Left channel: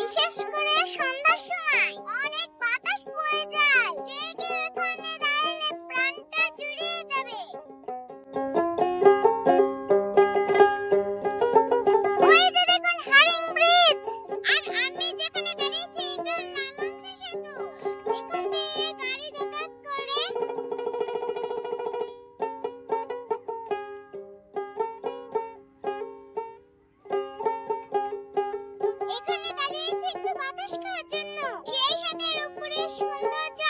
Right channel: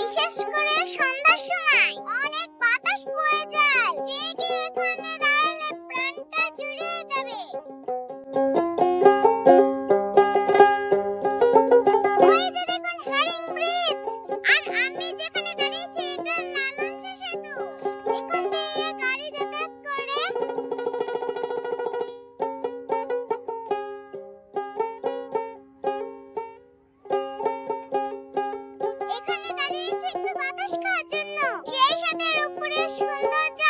বিশেষ করে সন্ধ্যার সময় অনেক বাতাস বয়ে যায়, যে কেউ এখানে দাঁড়ালে প্রাণটা জুড়িয়ে যাবে। ওই যে দেখুন হারিং ব্রিজ, আর আমি যেখানে দাঁড়িয়েছি এটা লালনসা সেতু। এখান দিয়ে গাড়ি যাতায়াত করে। এখানে দাঁড়িয়েছি একটু বাতাস খাওয়ার জন্য। সেই সাথে রূপপুরের সৌন্দর্য